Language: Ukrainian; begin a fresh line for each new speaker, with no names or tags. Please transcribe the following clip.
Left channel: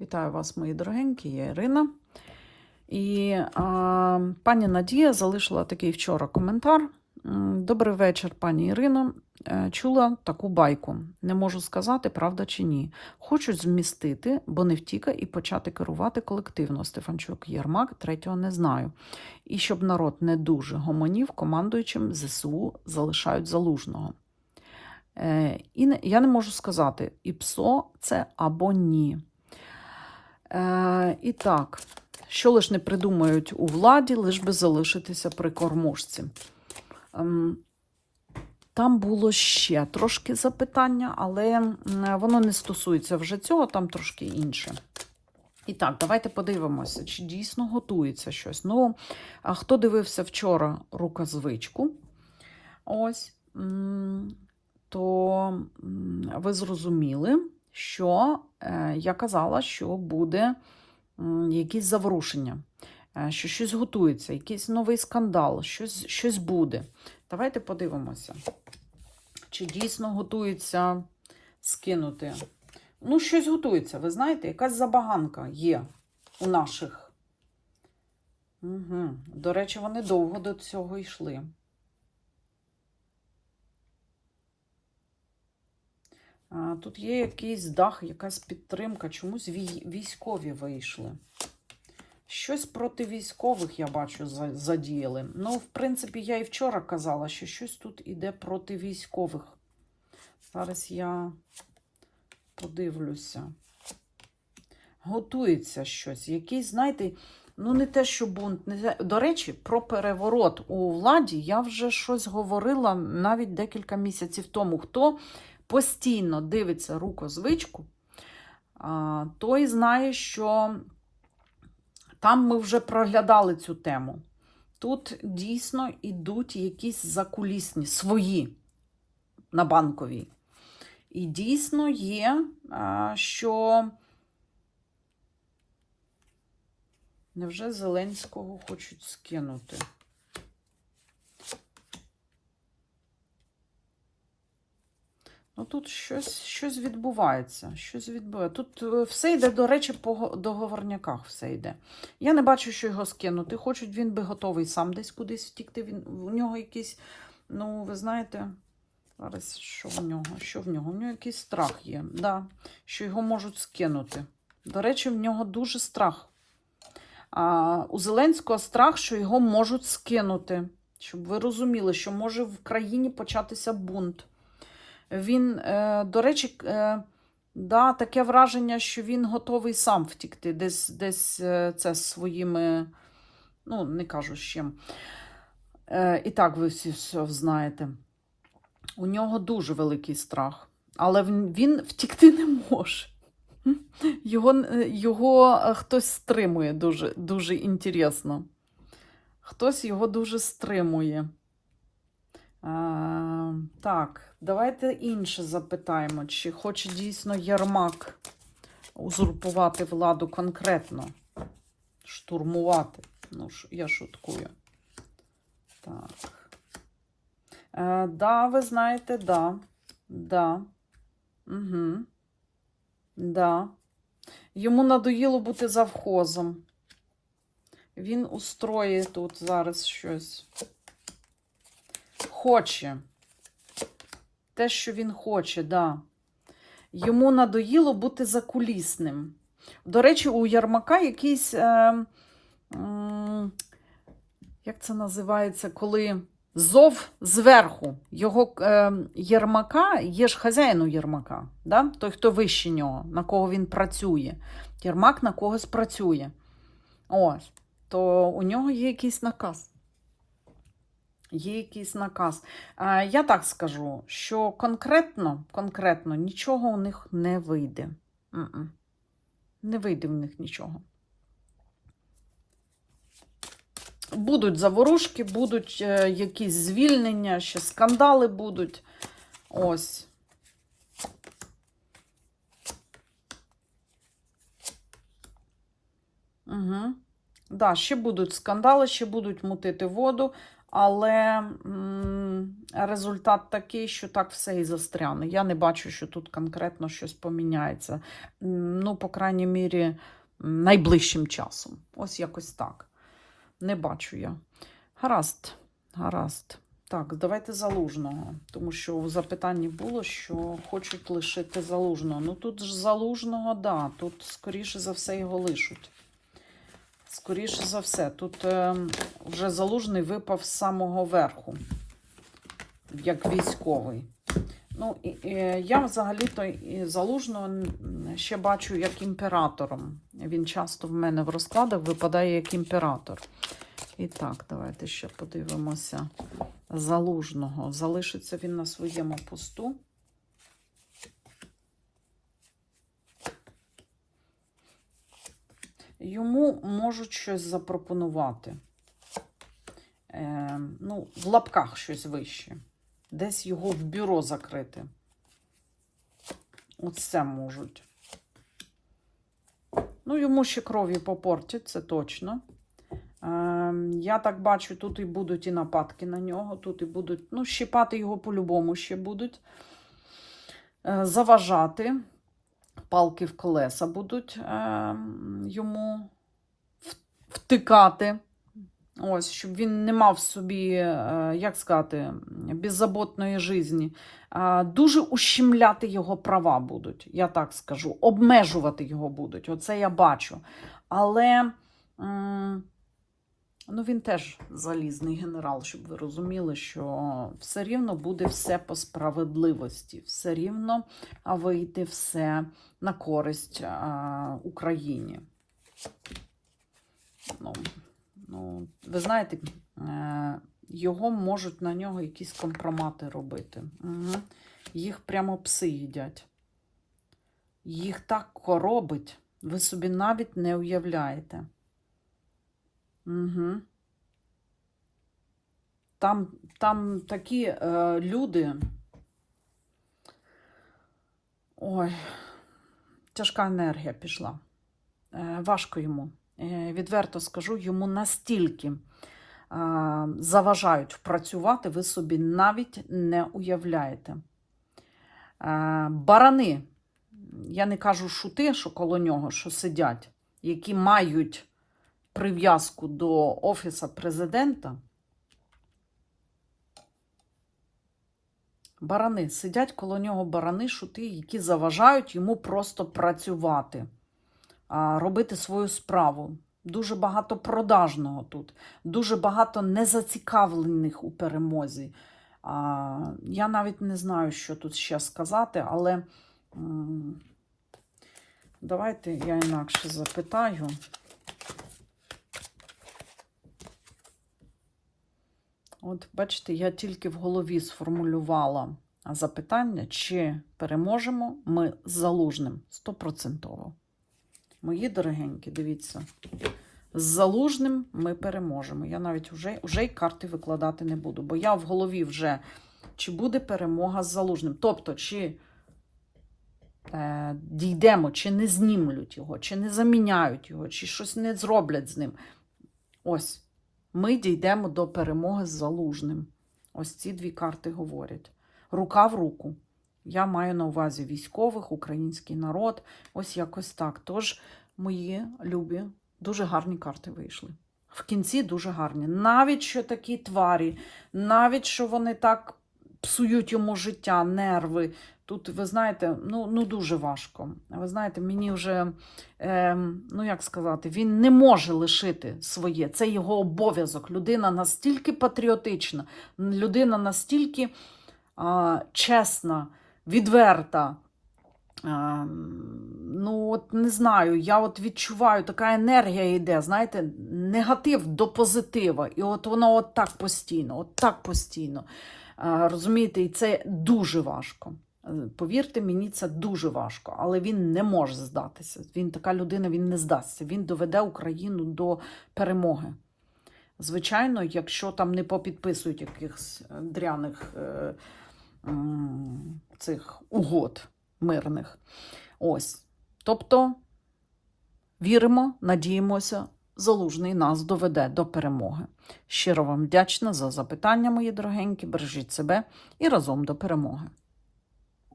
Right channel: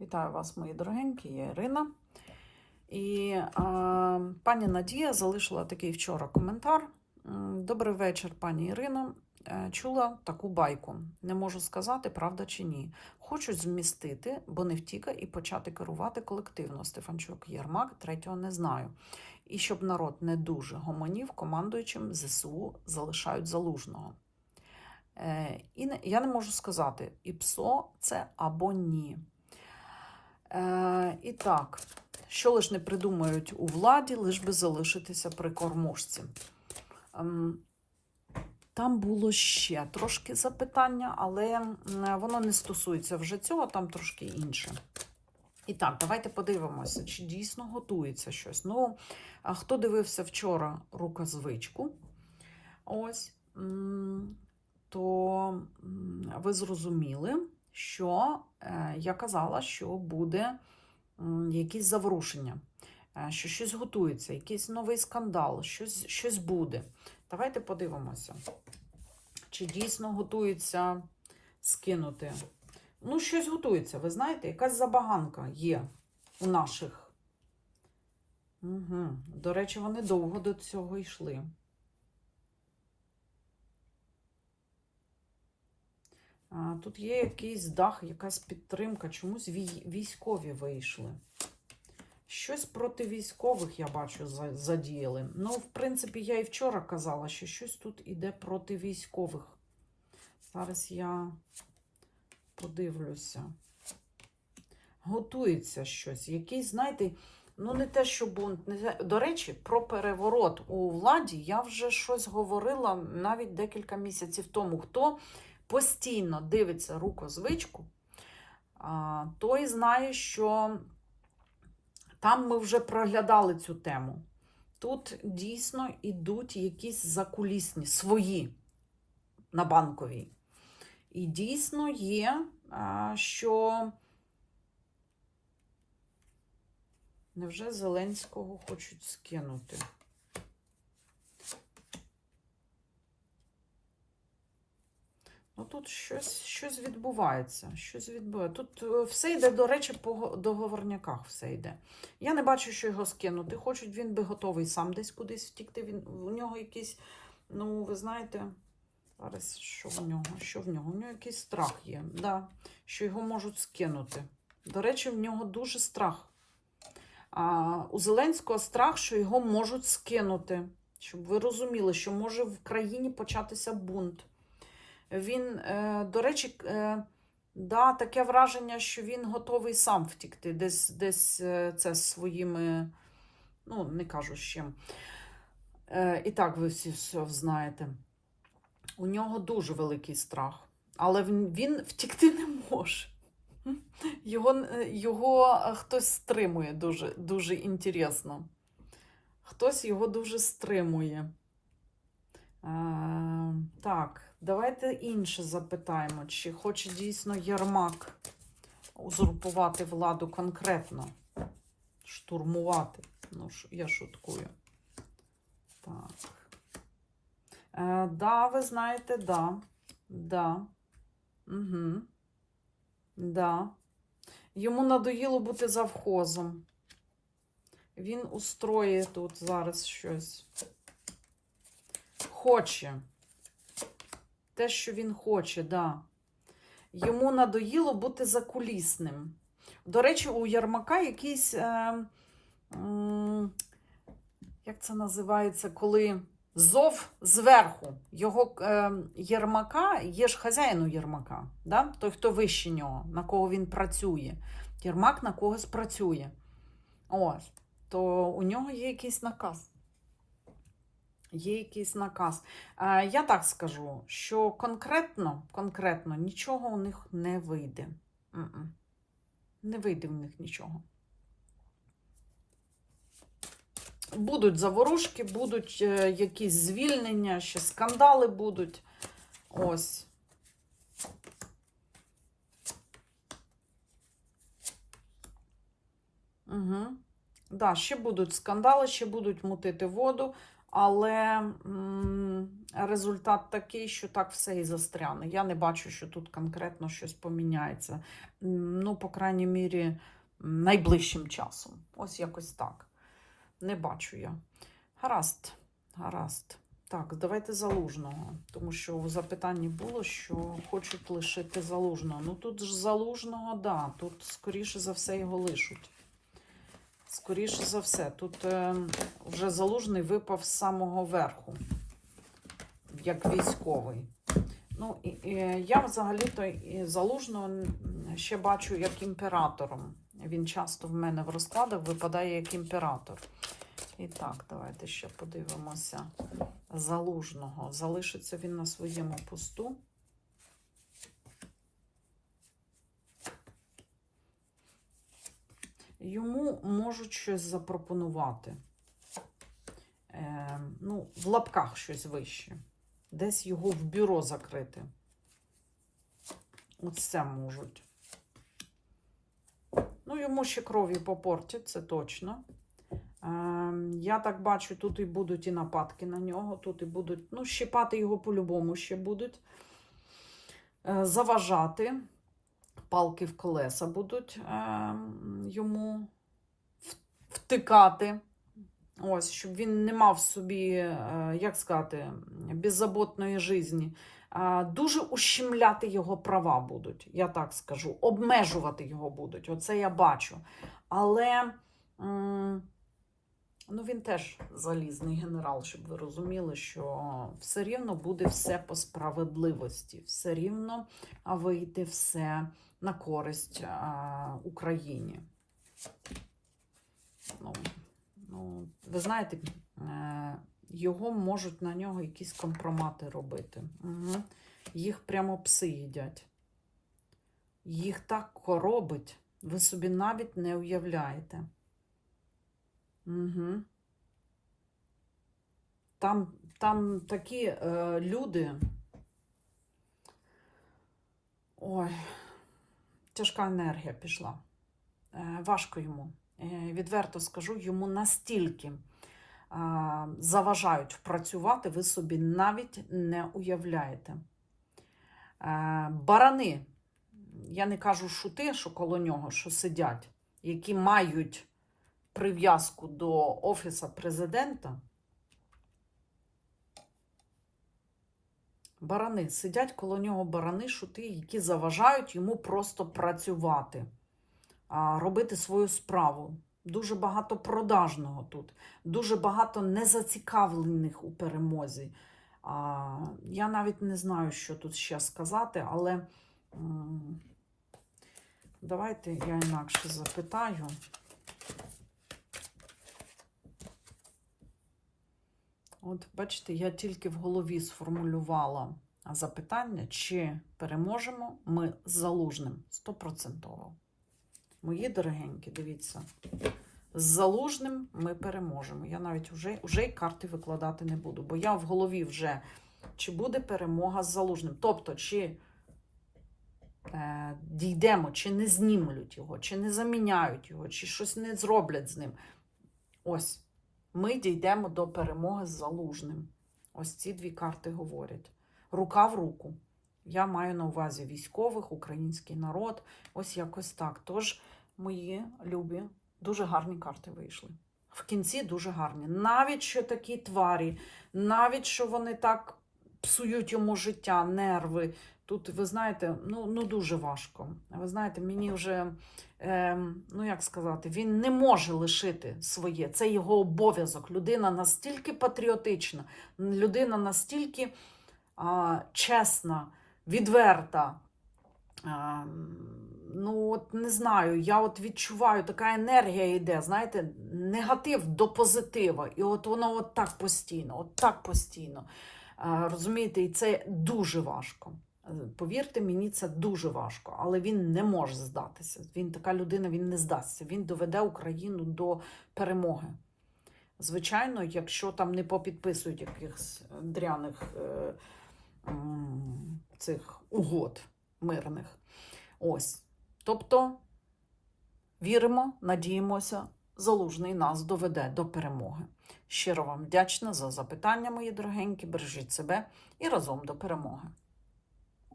Вітаю вас, мої дорогенькі, я Ірина. І а, пані Надія залишила такий вчора коментар. Добрий вечір, пані Ірино. Е, Чула таку байку. Не можу сказати, правда чи ні. Хочуть змістити, бо не втіка, і почати керувати колективно. Стефанчук Єрмак, третього не знаю. І щоб народ не дуже гомонів, командуючим ЗСУ залишають залужного. Е, і не, я не можу сказати, і ПСО це або ні. Е, і так, що лиш не придумають у владі, лиш би залишитися при кормушці. Ем, там було ще трошки запитання, але воно не стосується вже цього, там трошки інше. І так, давайте подивимося, чи дійсно готується щось. Ну, а хто дивився вчора рукозвичку, ось, то ви зрозуміли, що е, я казала, що буде якісь заворушення, е, що щось готується, якийсь новий скандал, щось, щось буде. Давайте подивимося, чи дійсно готується скинути. Ну, щось готується, ви знаєте, якась забаганка є у наших. Угу. До речі, вони довго до цього йшли. Тут є якийсь дах, якась підтримка, чомусь військові вийшли. Щось проти військових, я бачу, задіяли. Ну, в принципі, я і вчора казала, що щось тут іде проти військових. Зараз я подивлюся. Готується щось. Якийсь, знаєте, ну не те, що бунт. Не. До речі, про переворот у владі я вже щось говорила навіть декілька місяців тому. Хто постійно дивиться рукозвичку, той знає, що там ми вже проглядали цю тему. Тут дійсно йдуть якісь закулісні свої на банковій. І дійсно є, що невже Зеленського хочуть скинути? Ну, тут щось, щось відбувається. Щось відбувається. Тут е, все йде, до речі, по го- договорняках все йде. Я не бачу, що його скинути. Хочуть, він би готовий сам десь кудись втікти. Він, у нього якийсь, ну, ви знаєте, зараз що в нього? Що в нього? У нього якийсь страх є, да, що його можуть скинути. До речі, в нього дуже страх. А, у Зеленського страх, що його можуть скинути. Щоб ви розуміли, що може в країні початися бунт. Він, е, до речі, е, да, таке враження, що він готовий сам втікти, десь, десь е, це своїми, ну, не кажу з чим. І так ви всі все знаєте. У нього дуже великий страх, але він, втікти не може. Його, його хтось стримує дуже, дуже інтересно. Хтось його дуже стримує. А, так, давайте інше запитаємо, чи хоче дійсно Єрмак узурпувати владу конкретно, штурмувати. Ну, я шуткую. Так. Е, да, ви знаєте, да. Да. Угу. Да. Йому надоїло бути завхозом. Він устроїть тут зараз щось. Хоче. Те, що він хоче, да. Йому надоїло бути закулісним. До речі, у Ярмака якийсь. Е, м, як це називається, коли зов зверху. Його е, Єрмака, є ж хазяїн у Єрмака, да? той, хто вище нього, на кого він працює. Єрмак на когось працює. Ось. То у нього є якийсь наказ. Є якийсь наказ. А, я так скажу, що конкретно, конкретно нічого у них не вийде. Не вийде в них нічого. Будуть заворушки, будуть е, якісь звільнення, ще скандали будуть. Ось. Угу. Да, ще будуть скандали, ще будуть мутити воду, Але м, результат такий, що так все і застряне. Я не бачу, що тут конкретно щось поміняється. Ну, по крайній мірі, найближчим часом. Ось якось так. Не бачу я. Гаразд, гаразд. Так, давайте залужного. Тому що в запитанні було, що хочуть лишити залужного. Ну тут ж залужного, да, тут скоріше за все його лишуть. Скоріше за все, тут е, вже залужний випав з самого верху, як військовий. Ну, і, і, я взагалі-то залужного ще бачу як імператором. Він часто в мене в розкладах випадає як імператор. І так, давайте ще подивимося. Залужного. Залишиться він на своєму посту. Йому можуть щось запропонувати. Е, ну, в лапках щось вище. Десь його в бюро закрити. Оце можуть. Ну, йому ще крові попортять, це точно. Е, я так бачу, тут і будуть і нападки на нього, тут і будуть, ну, щипати його по-любому ще будуть. Е, заважати. Палки в колеса будуть е, йому втикати. Ось, щоб він не мав собі, е, як сказати, беззаботної житті. Дуже ущемляти його права будуть, я так скажу. Обмежувати його будуть. Оце я бачу. Але ну, він теж залізний генерал, щоб ви розуміли, що все рівно буде все по справедливості, все рівно а, вийти все на користь а, Україні. Ну, ну, ви знаєте, е, його можуть на нього якісь компромати робити. Угу. Їх прямо пси їдять. Їх так коробить, ви собі навіть не уявляєте. Угу. Там, там такі е, люди. Ой, тяжка енергія пішла. Е, важко йому. Е, відверто скажу, йому настільки е, заважають працювати, ви собі навіть не уявляєте. Е, барани, я не кажу шути, що коло нього, що сидять, які мають прив'язку до Офіса президента. Барани сидять коло нього барани, шути, які заважають йому просто працювати, робити свою справу. Дуже багато продажного тут, дуже багато незацікавлених у перемозі. Я навіть не знаю, що тут ще сказати, але давайте я інакше запитаю. От, бачите, я тільки в голові сформулювала запитання, чи переможемо ми з залужним стопроцентово. Мої дорогенькі, дивіться, з залужним ми переможемо. Я навіть вже, вже й карти викладати не буду, бо я в голові вже чи буде перемога з залужним. Тобто, чи е, дійдемо, чи не знімлють його, чи не заміняють його, чи щось не зроблять з ним. Ось ми дійдемо до перемоги з залужним. Ось ці дві карти говорять. Рука в руку. Я маю на увазі військових, український народ. Ось якось так. Тож, мої любі, дуже гарні карти вийшли. В кінці дуже гарні. Навіть що такі тварі, навіть що вони так псують йому життя, нерви. Тут, ви знаєте, ну, ну дуже важко. Ви знаєте, мені вже, е, ну як сказати, він не може лишити своє. Це його обов'язок. Людина настільки патріотична, людина настільки е, чесна, відверта. Е, ну, от не знаю, я от відчуваю, така енергія йде, знаєте, негатив до позитива. І от воно от так постійно, от так постійно. Е, розумієте, і це дуже важко. Е, Повірте мені, це дуже важко, але він не може здатися. Він така людина, він не здасться. Він доведе Україну до перемоги. Звичайно, якщо там не попідписують якихось дряних е, цих угод мирних. Ось. Тобто віримо, надіємося, Залужний нас доведе до перемоги. Щиро вам вдячна за запитання, мої дорогенькі. Бережіть себе і разом до перемоги.